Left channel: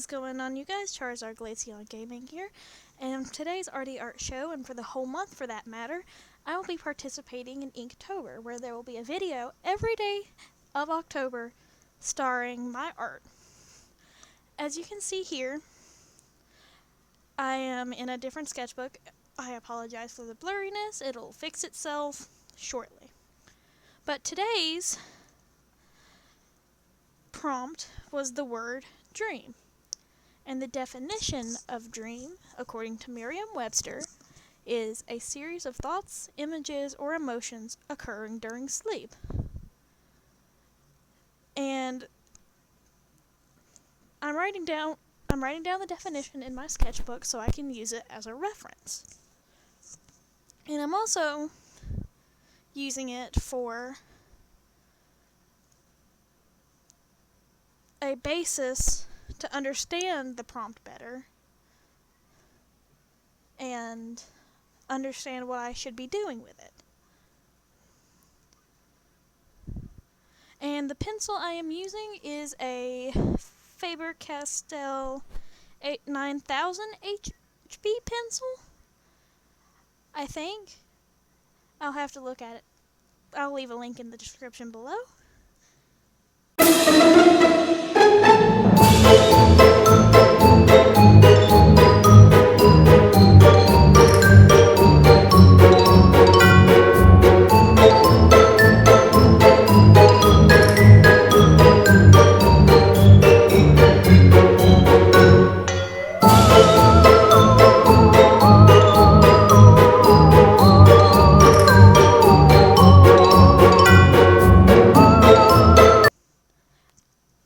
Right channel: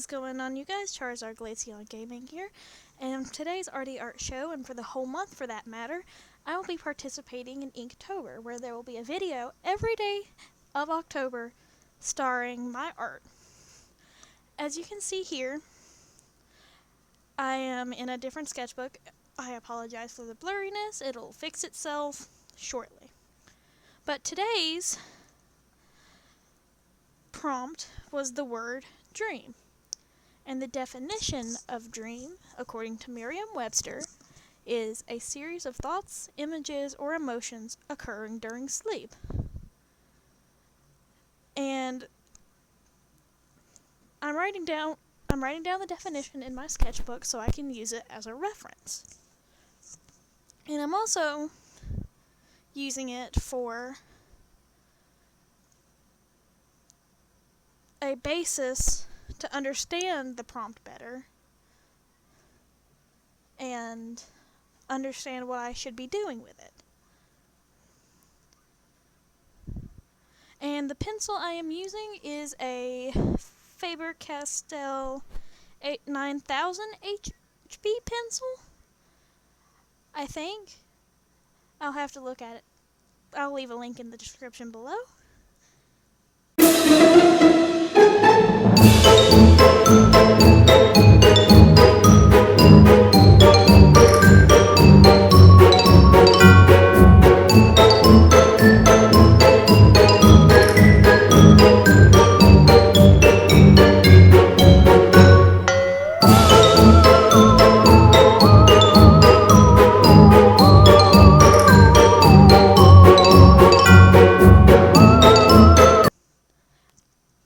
is going on, you guys? Charizard Glaceon Gaming here, and today's Arty Art Show, and for the whole month for that matter, I will be participating in Inktober, where there will be a video every day of October starring my art. As you can see here, I am in a different sketchbook. I apologize for the blurriness. It'll fix itself shortly. But today's prompt was the word dream. And the definition of dream, according to Merriam-Webster, is a series of thoughts, images, or emotions occurring during sleep. And I'm writing down the definition in my sketchbook so I can use it as a reference. And I'm also using it for a basis to understand the prompt better and understand what I should be doing with it. And the pencil I am using is a Faber-Castell 9000 HB pencil, I think. I'll have to look at it. I'll leave a link in the description below.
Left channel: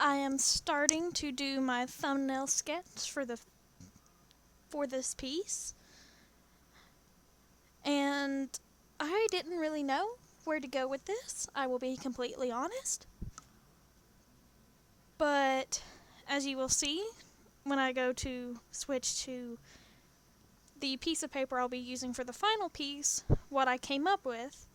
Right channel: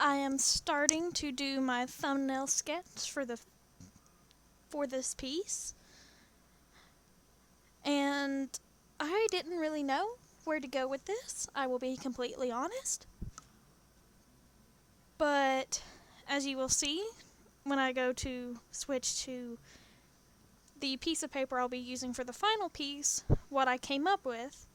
I am starting to do my thumbnail sketch for this piece, and I didn't really know where to go with this, I will be completely honest. But as you will see when I go to switch to the piece of paper I'll be using for the final piece, what I came up with.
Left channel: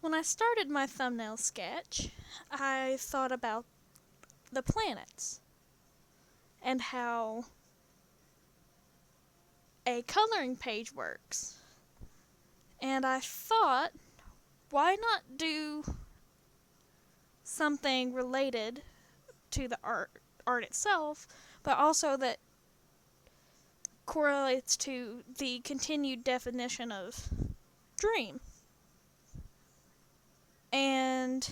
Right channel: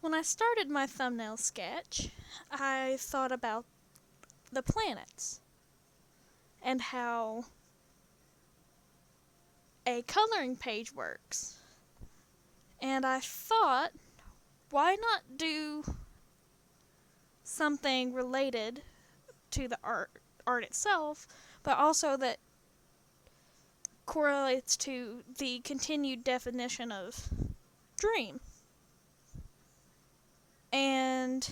When I started my thumbnail sketch, I thought about the planets and how a coloring page works. And I thought, why not do something related to the art itself, but also that correlates to the continued definition of dream. And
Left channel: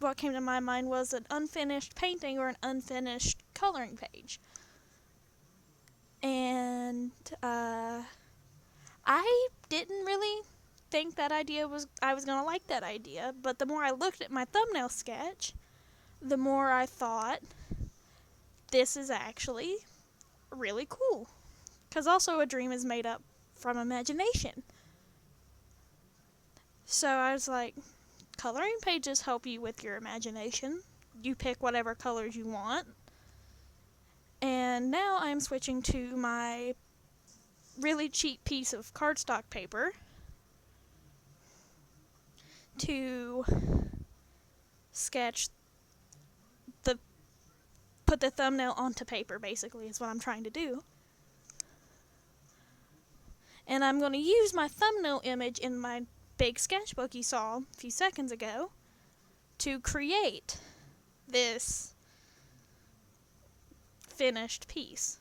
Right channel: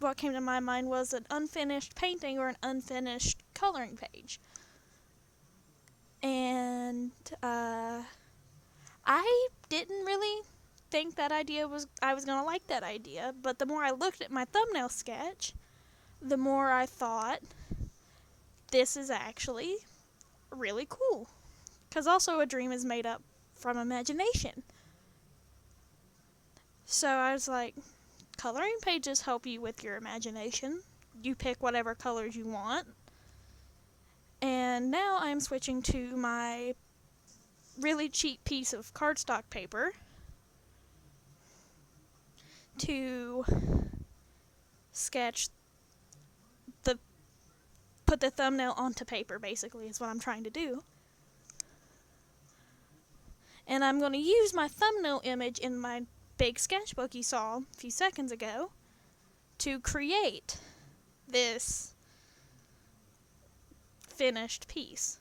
what came to my mind was an unfinished painting or an unfinished coloring page. And I didn't really think that I was going to like that idea, but the more I looked at my thumbnail sketch, the more I thought this is actually really cool. Because also a dream is made up from imagination. So I was like, coloring pages help you with your imagination. You pick whatever colors you want, And now I'm switching to my really cheap piece of cardstock paper to sketch put the thumbnail onto paper, basically, is what I'm trying to do. And I'm going to use my thumbnail image in my big sketchbook you saw a few seconds ago to create this finished piece.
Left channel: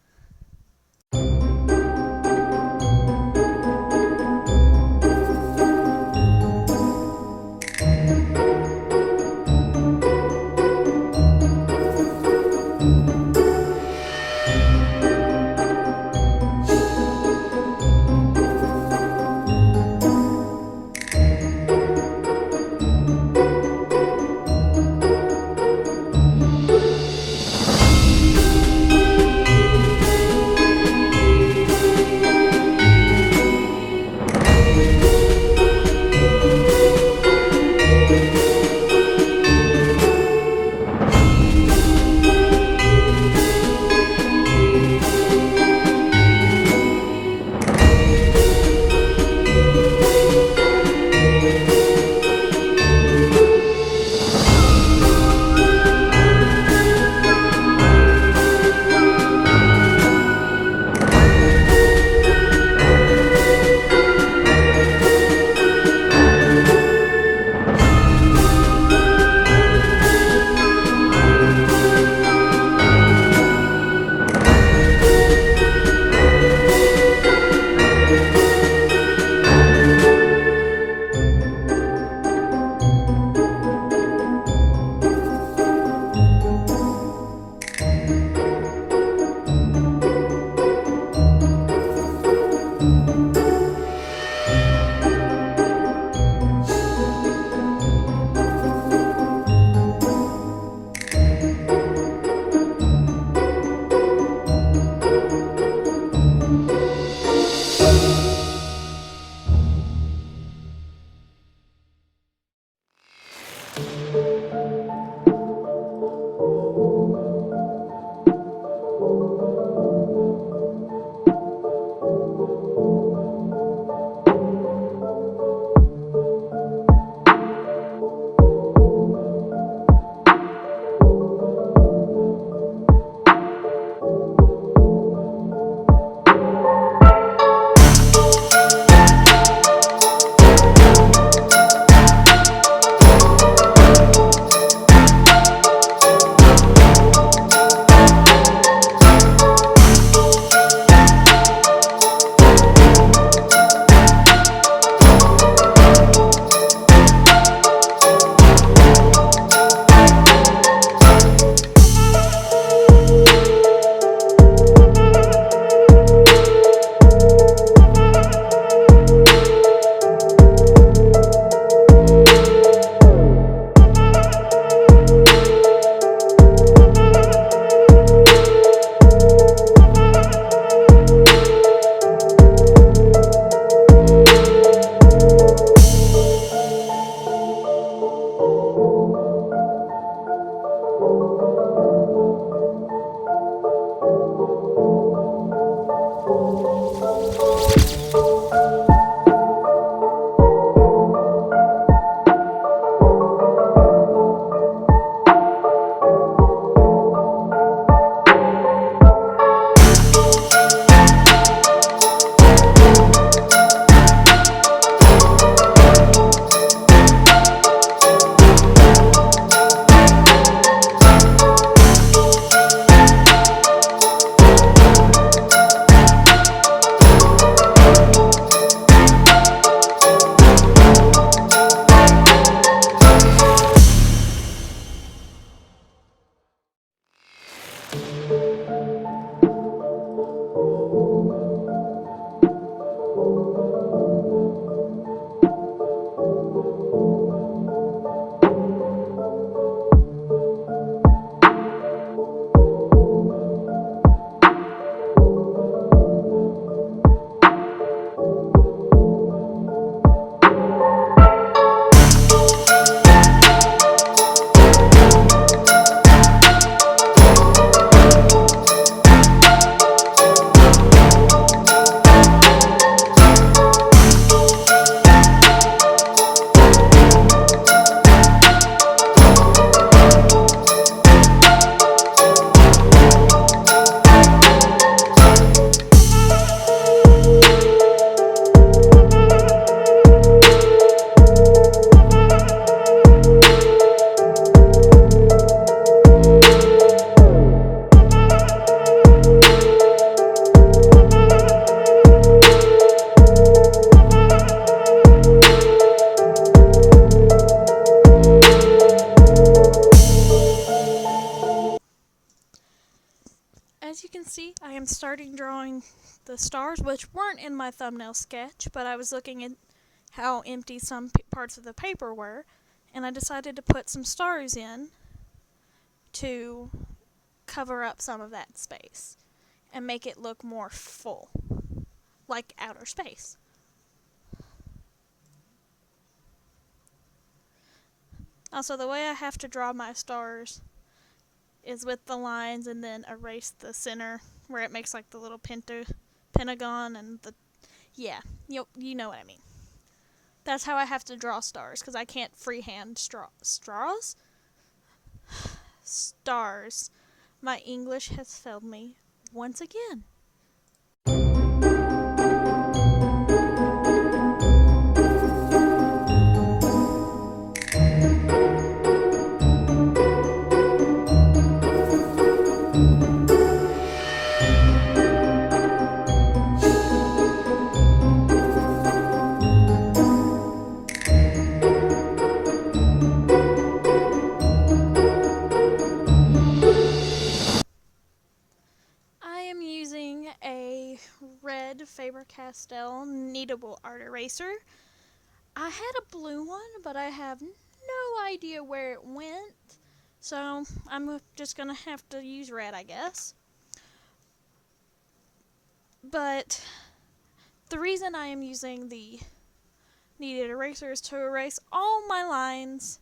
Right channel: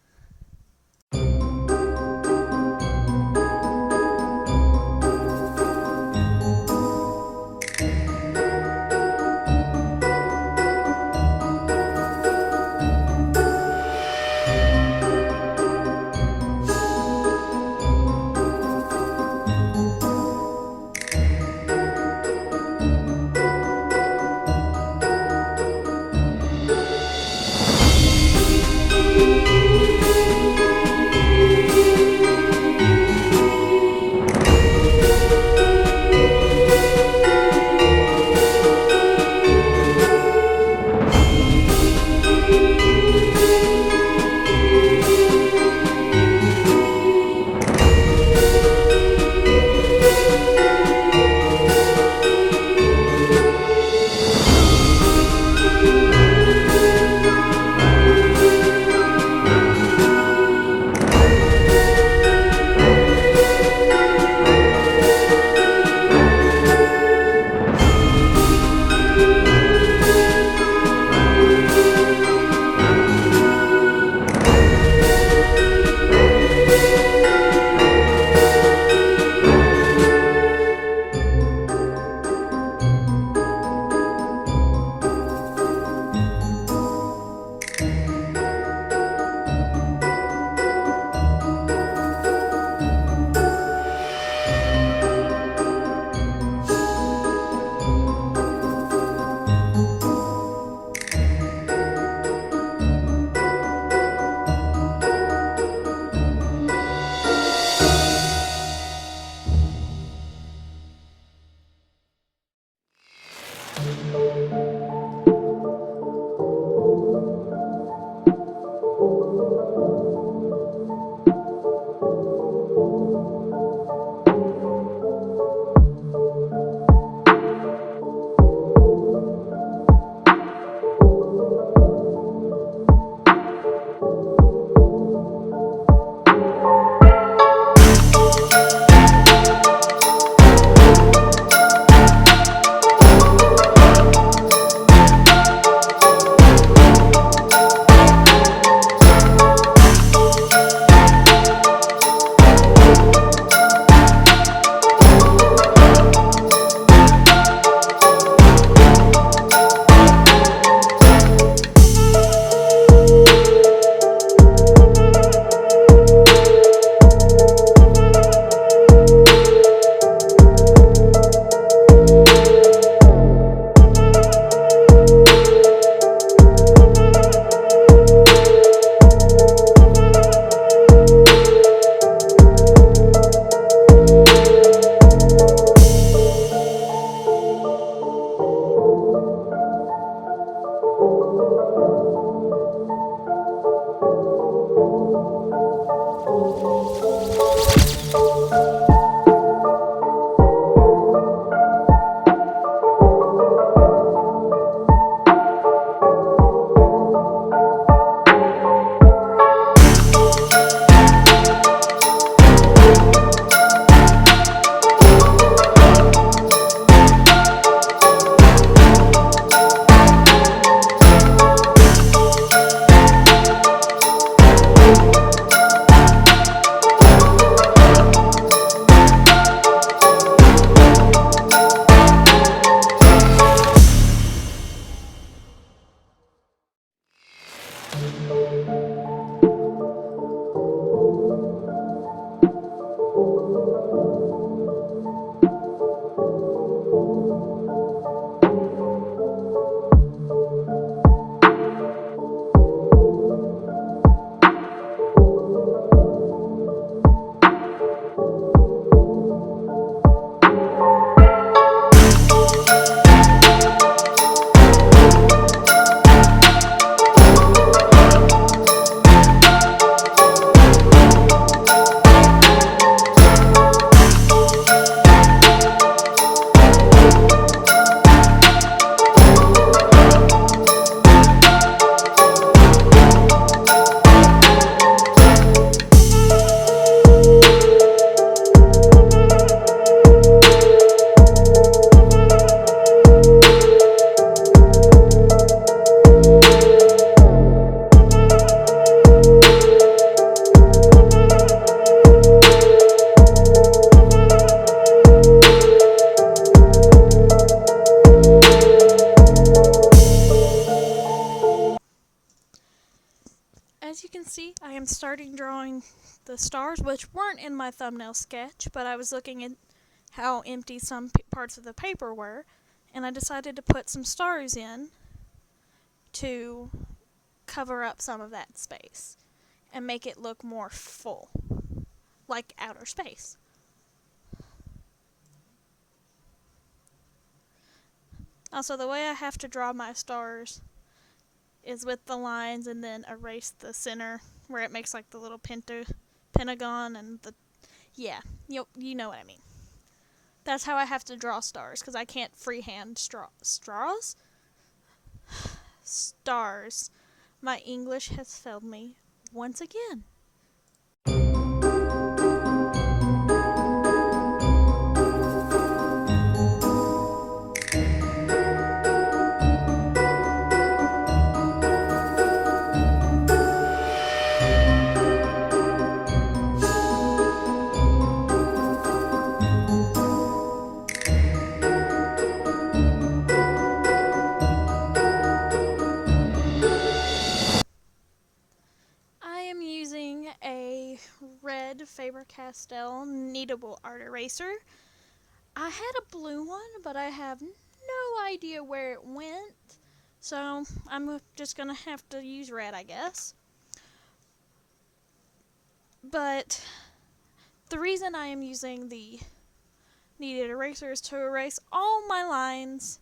as you can see, I am starting drawing the stars, which weren't in my thumbnail sketch, but I was looking at how empty some parts of the paper were, and I decided to put some stars in to cover up some of that space and make it look more full, like outer space. Also, the way I have to draw my stars is with the lines and then erase the center where it makes like the little pentagon and the, yeah, you know what I mean. That's how I have to draw stars, because I can't freehand stars. My English has failed me once again. Red Faber-Castell kneadable art eraser. I had a blue one, but I have no idea where it went, so I'm just gonna have to use red, I guess. But the reason I am using the kneaded eraser is to erase all my lines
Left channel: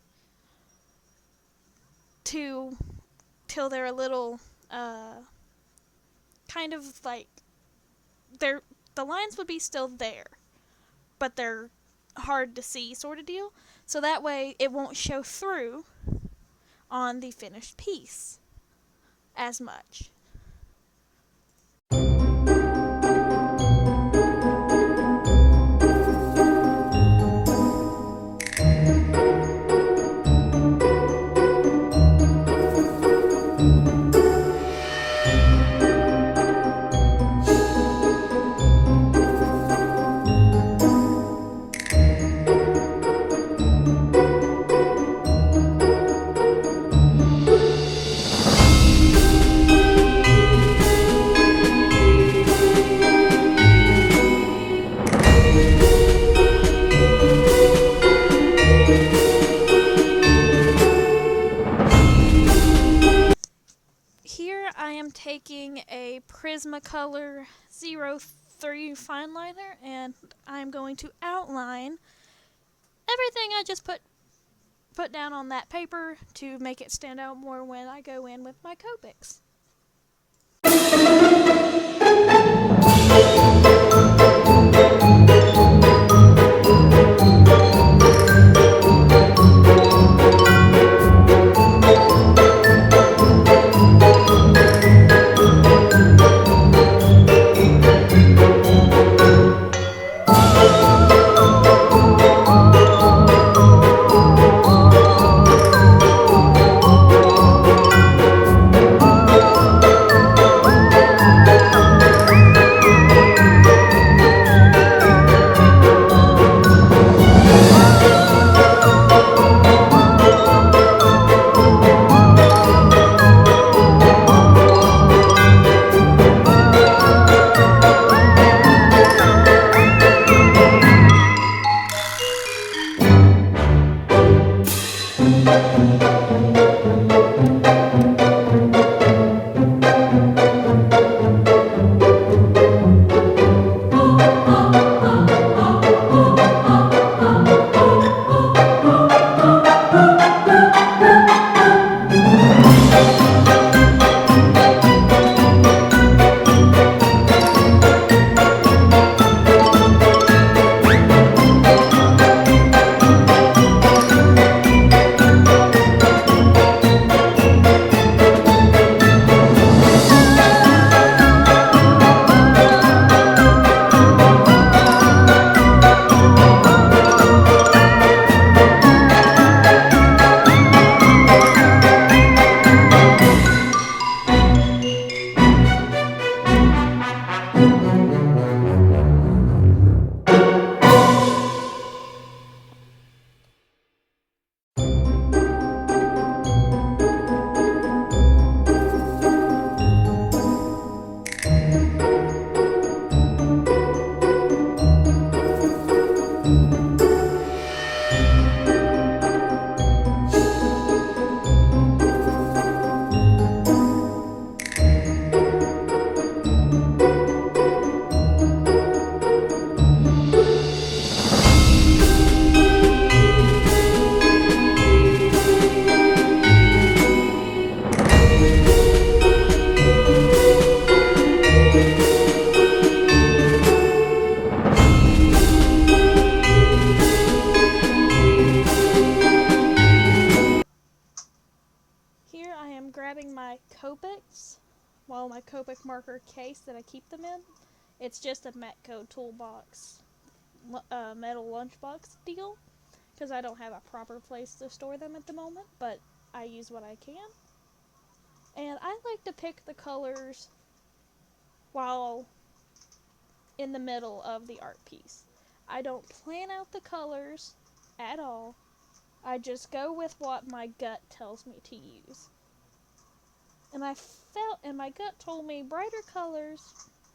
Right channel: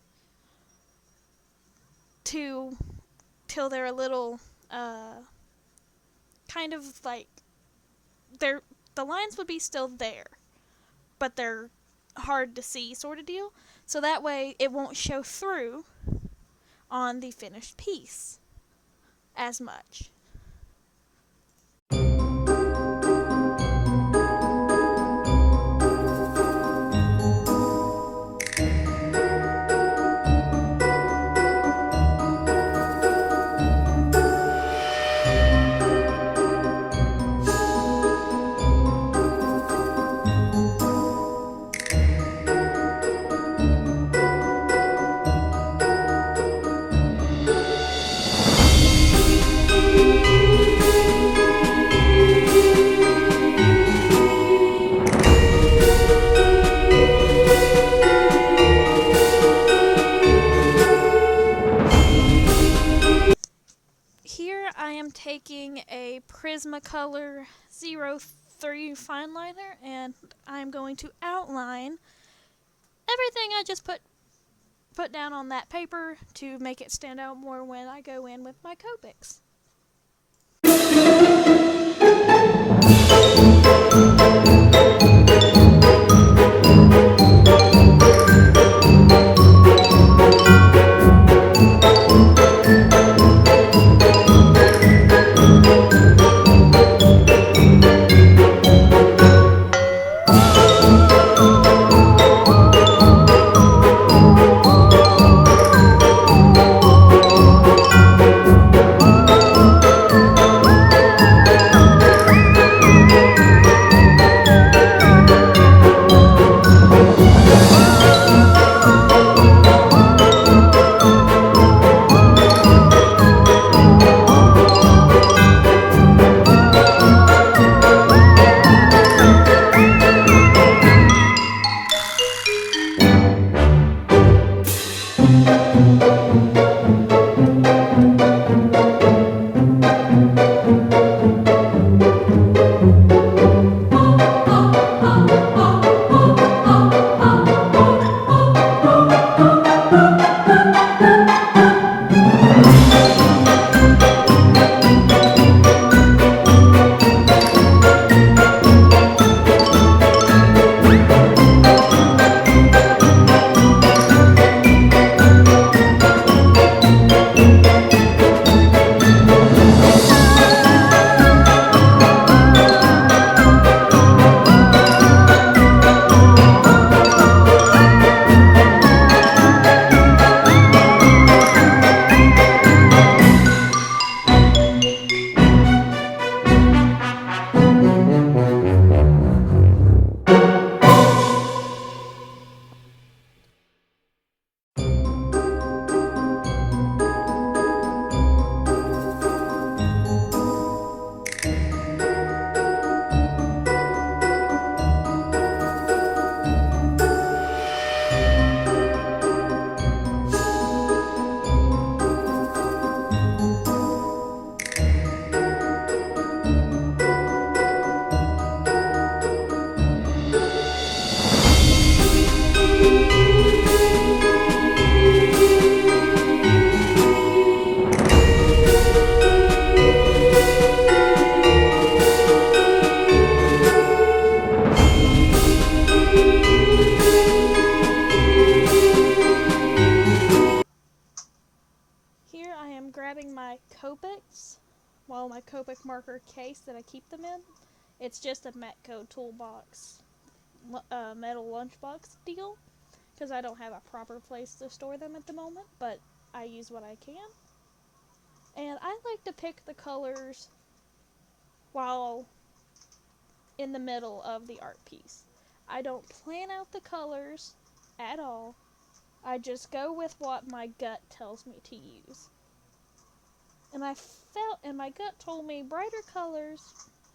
till they're a little kind of like the lines would be still there, but they're hard to see sort of deal, so that way it won't show through on the finished piece as much. Taking a Prismacolor 03 fine liner, and I'm going to outline everything I just put down on that paper to make it stand out more when I go in with my Copics. I am grabbing my Copics, my Copic marker case that I keep them in. It's just a Matco toolbox, metal lunchbox deal, because I don't have a proper place to store them at the moment, but I use what I can. And I like to pick the colors while in the middle of the art piece. I don't plan out the colors at all. I just go with what my gut tells me to use. And my gut told me brighter colors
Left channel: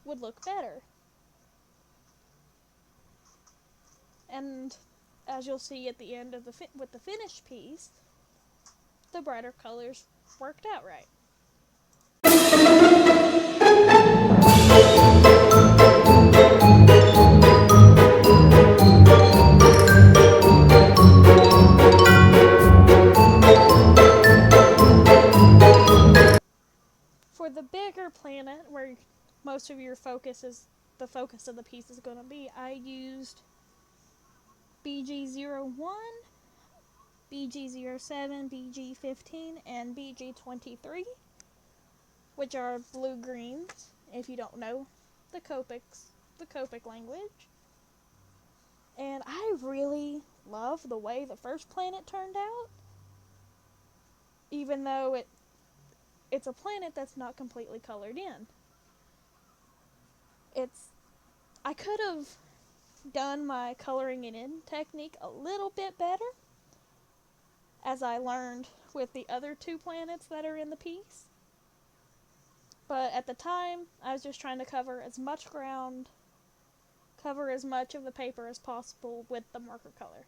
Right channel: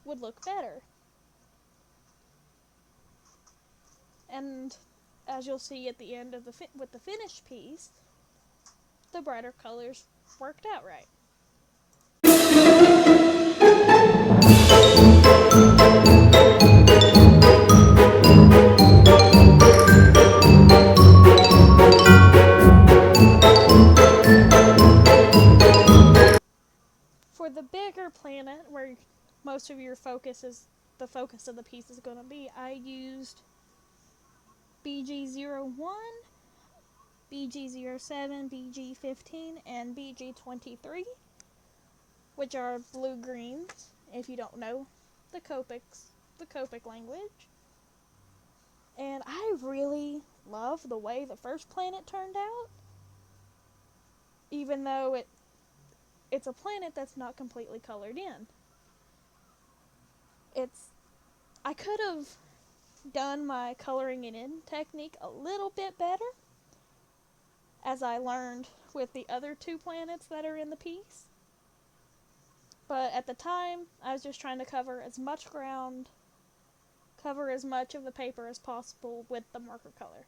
would look better. And as you'll see at the end of with the finished piece, the brighter colors worked out right. For the bigger planet, where most of your the focus of the piece is going to be, I used BG01, BG07, BG15, and BG23, which are blue-greens, if you don't know the Copic language. And I really love the way the first planet turned out, even though it's a planet that's not completely colored in. I could have done my coloring it in technique a little bit better, as I learned with the other two planets that are in the piece. But at the time, I was just trying to cover as much ground, cover as much of the paper as possible with the marker color.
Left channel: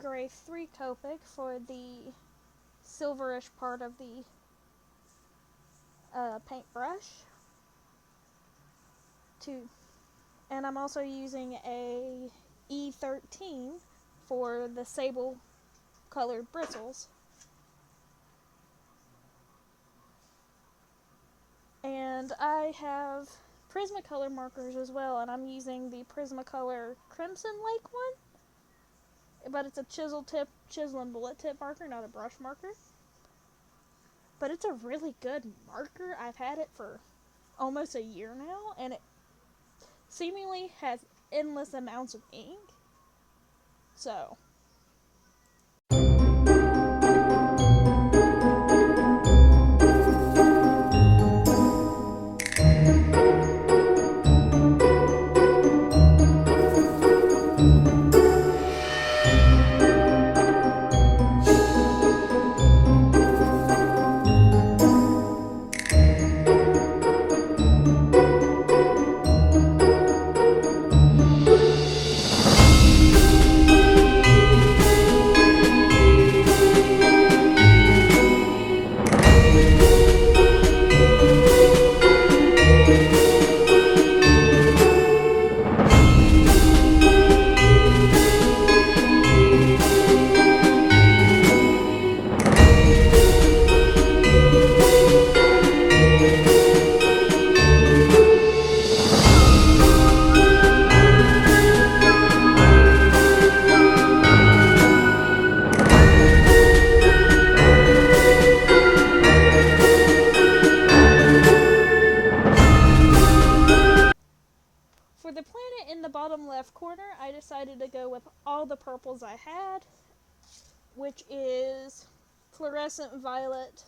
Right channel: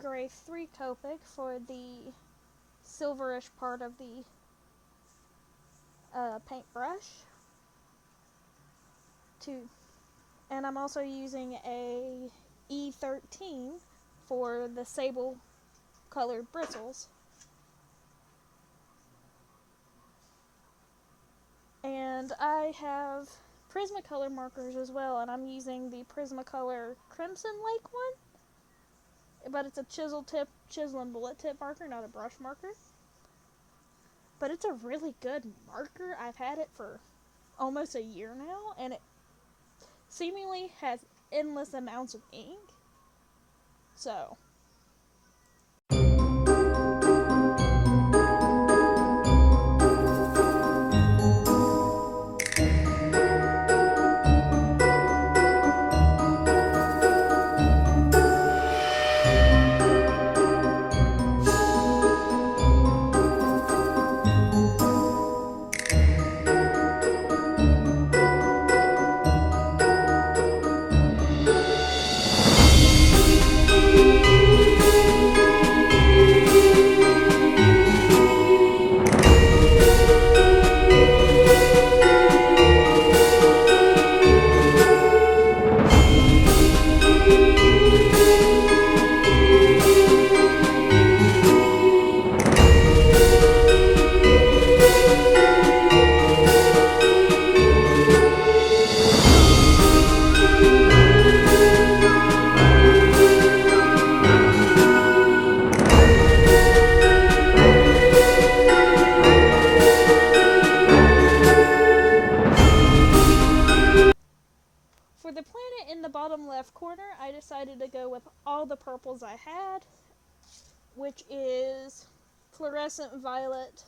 gray 3 Copic for the silverish part of the paintbrush. And I'm also using a E13 for the sable colored bristles. And I have Prismacolor markers as well, and I'm using the Prismacolor Crimson Lake one. But it's a chisel and bullet tip marker, not a brush marker. But it's a really good marker. I've had it for almost a year now, and it seemingly has endless amounts of ink. So for the planet in the bottom left corner, I decided to go with all the purples I had, which is Fluorescent Violet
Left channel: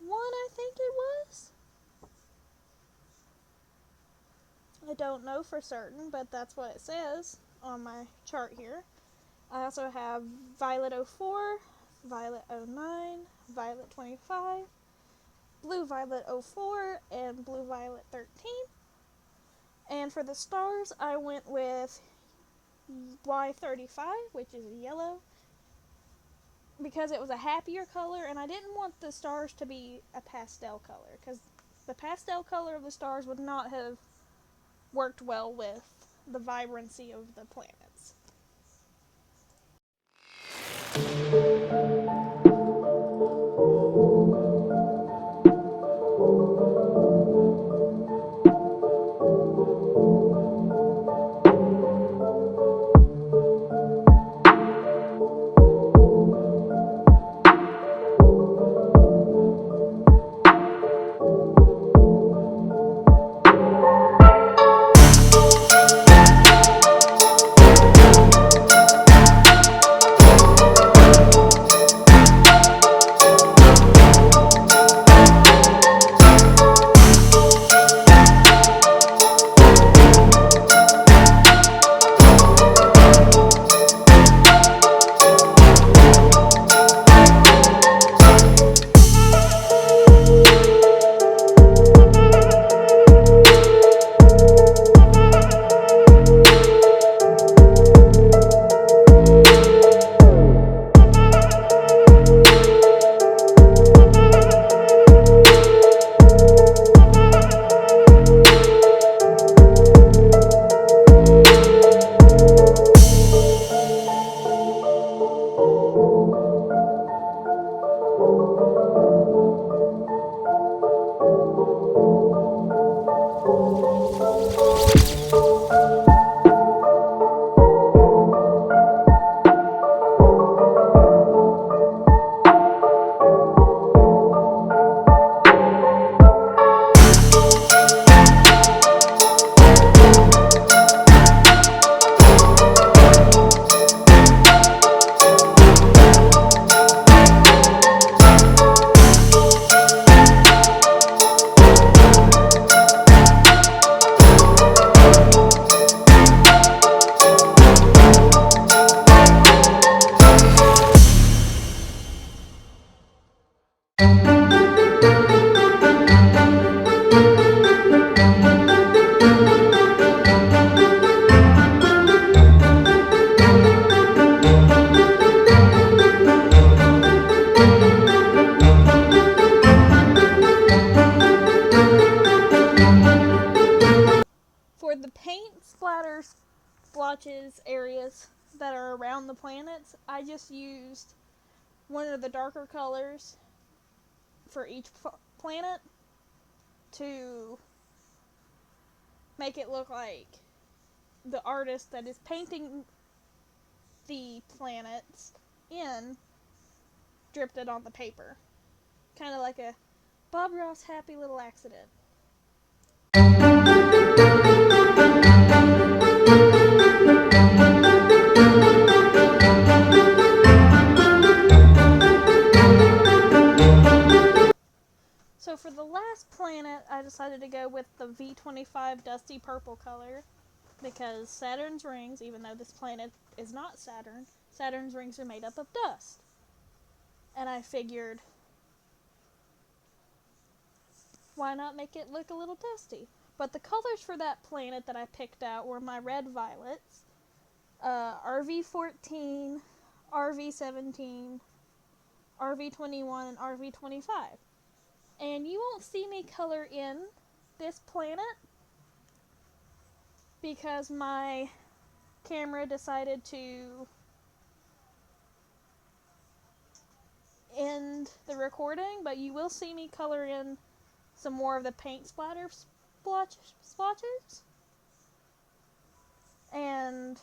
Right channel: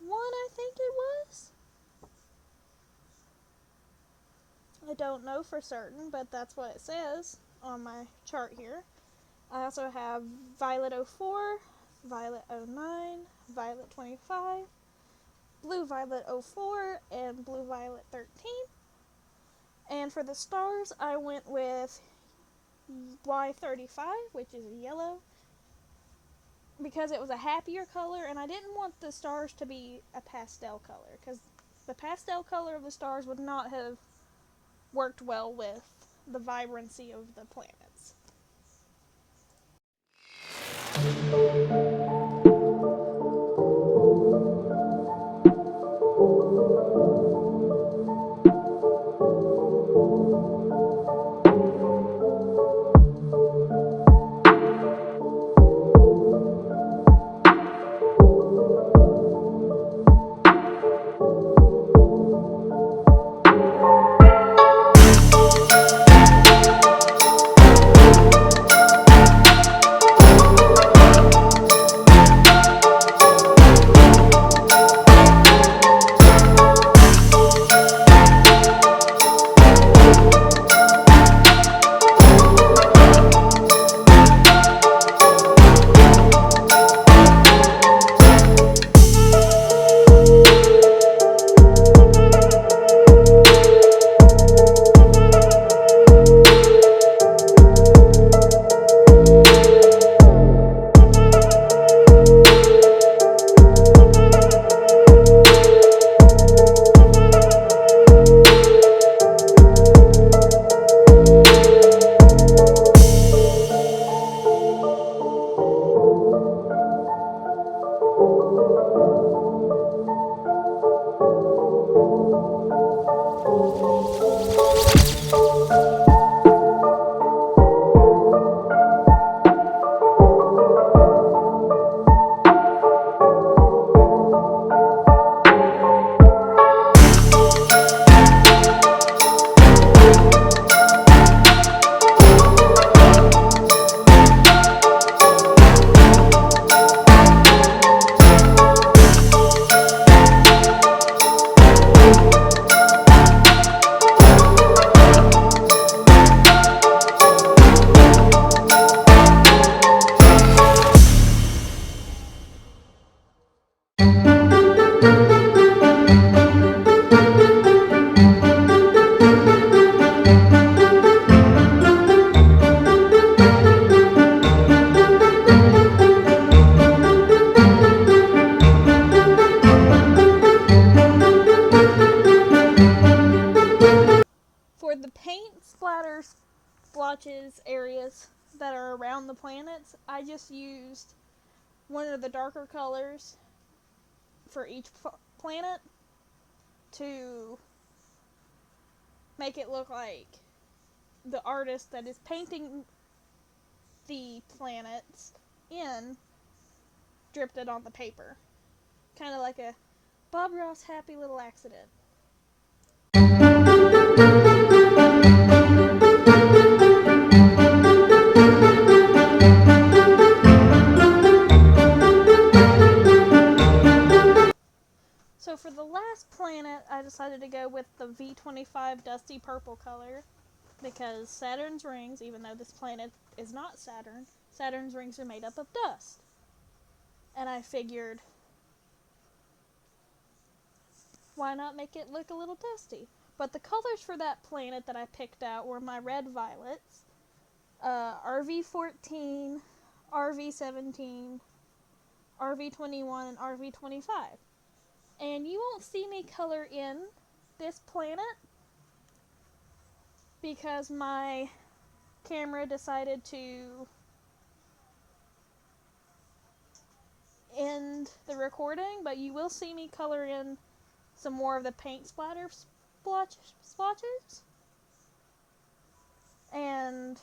1, I think it was. I don't know for certain, but that's what it says on my chart here. I also have Violet 04, Violet 09, Violet 25, Blue Violet 04, and Blue Violet 13. And for the stars, I went with Y35, which is yellow, because it was a happier color, and I didn't want the stars to be a pastel color, because the pastel color of the stars would not have worked well with the vibrancy of the planets. splotches, areas that are around the planets, I just used one of the darker colors for each planet to make it look like the artist that is painting the planets in dripped it on the paper. Kind of like a Bob Ross happy little accident. So for the last planet, I decided to go with the V25 dusty purple color because Saturn's rings, even though this planet is not Saturn, Saturn's rings are made up of dust. And I figured, why not make it look a little dusty? But the colors for that planet that I picked out were my red violets, RV14, RV17, RV21, and RV25. And you won't see me color in this planet because my camera decided to end the recording, but you will see me color in some more of the paint splatter splotches. And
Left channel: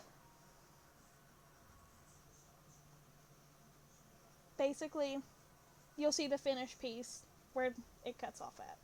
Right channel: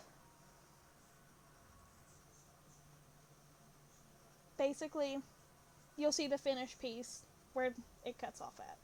basically, you'll see the finished piece where it cuts off at.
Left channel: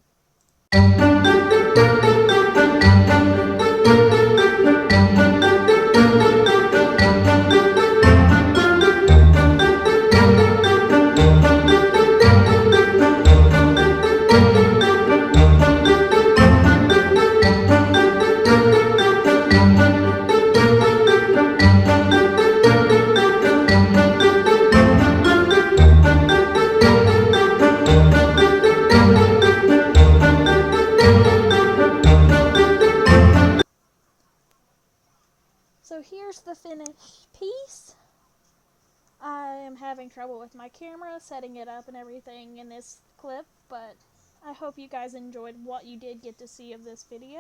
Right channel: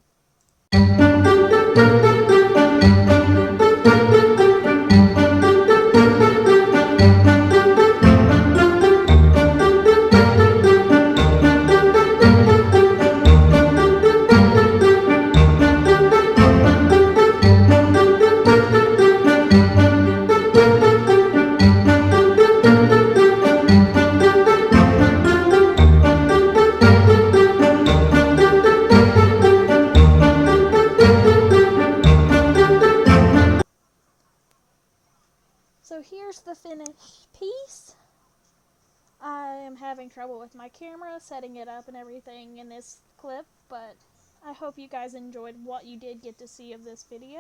So here's the finished piece. I am having trouble with my camera, setting it up and everything in this clip, but I hope you guys enjoyed what you did get to see of this video.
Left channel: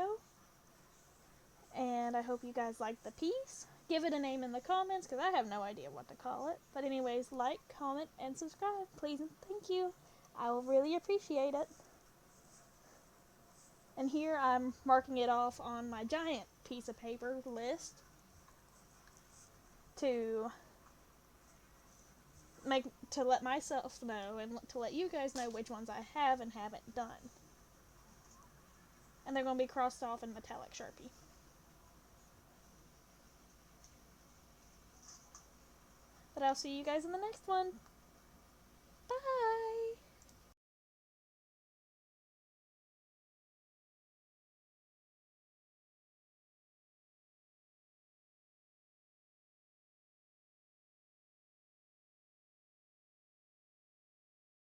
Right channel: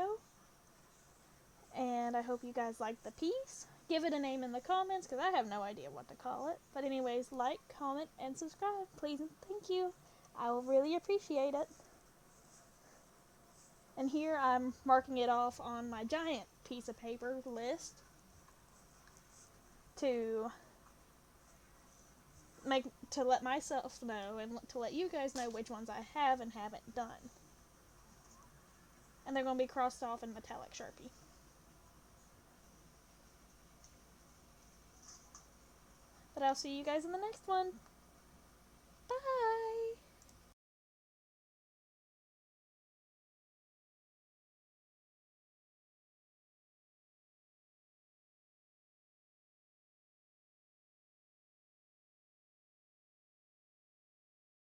And I hope you guys liked the piece. Give it a name in the comments, because I have no idea what to call it. But anyways, like, comment, and subscribe, please and thank you. I will really appreciate it. And here I'm marking it off on my giant piece of paper list to let myself know and to let you guys know which ones I have and haven't done. And they're going to be crossed off in metallic Sharpie. But I'll see you guys in the next one.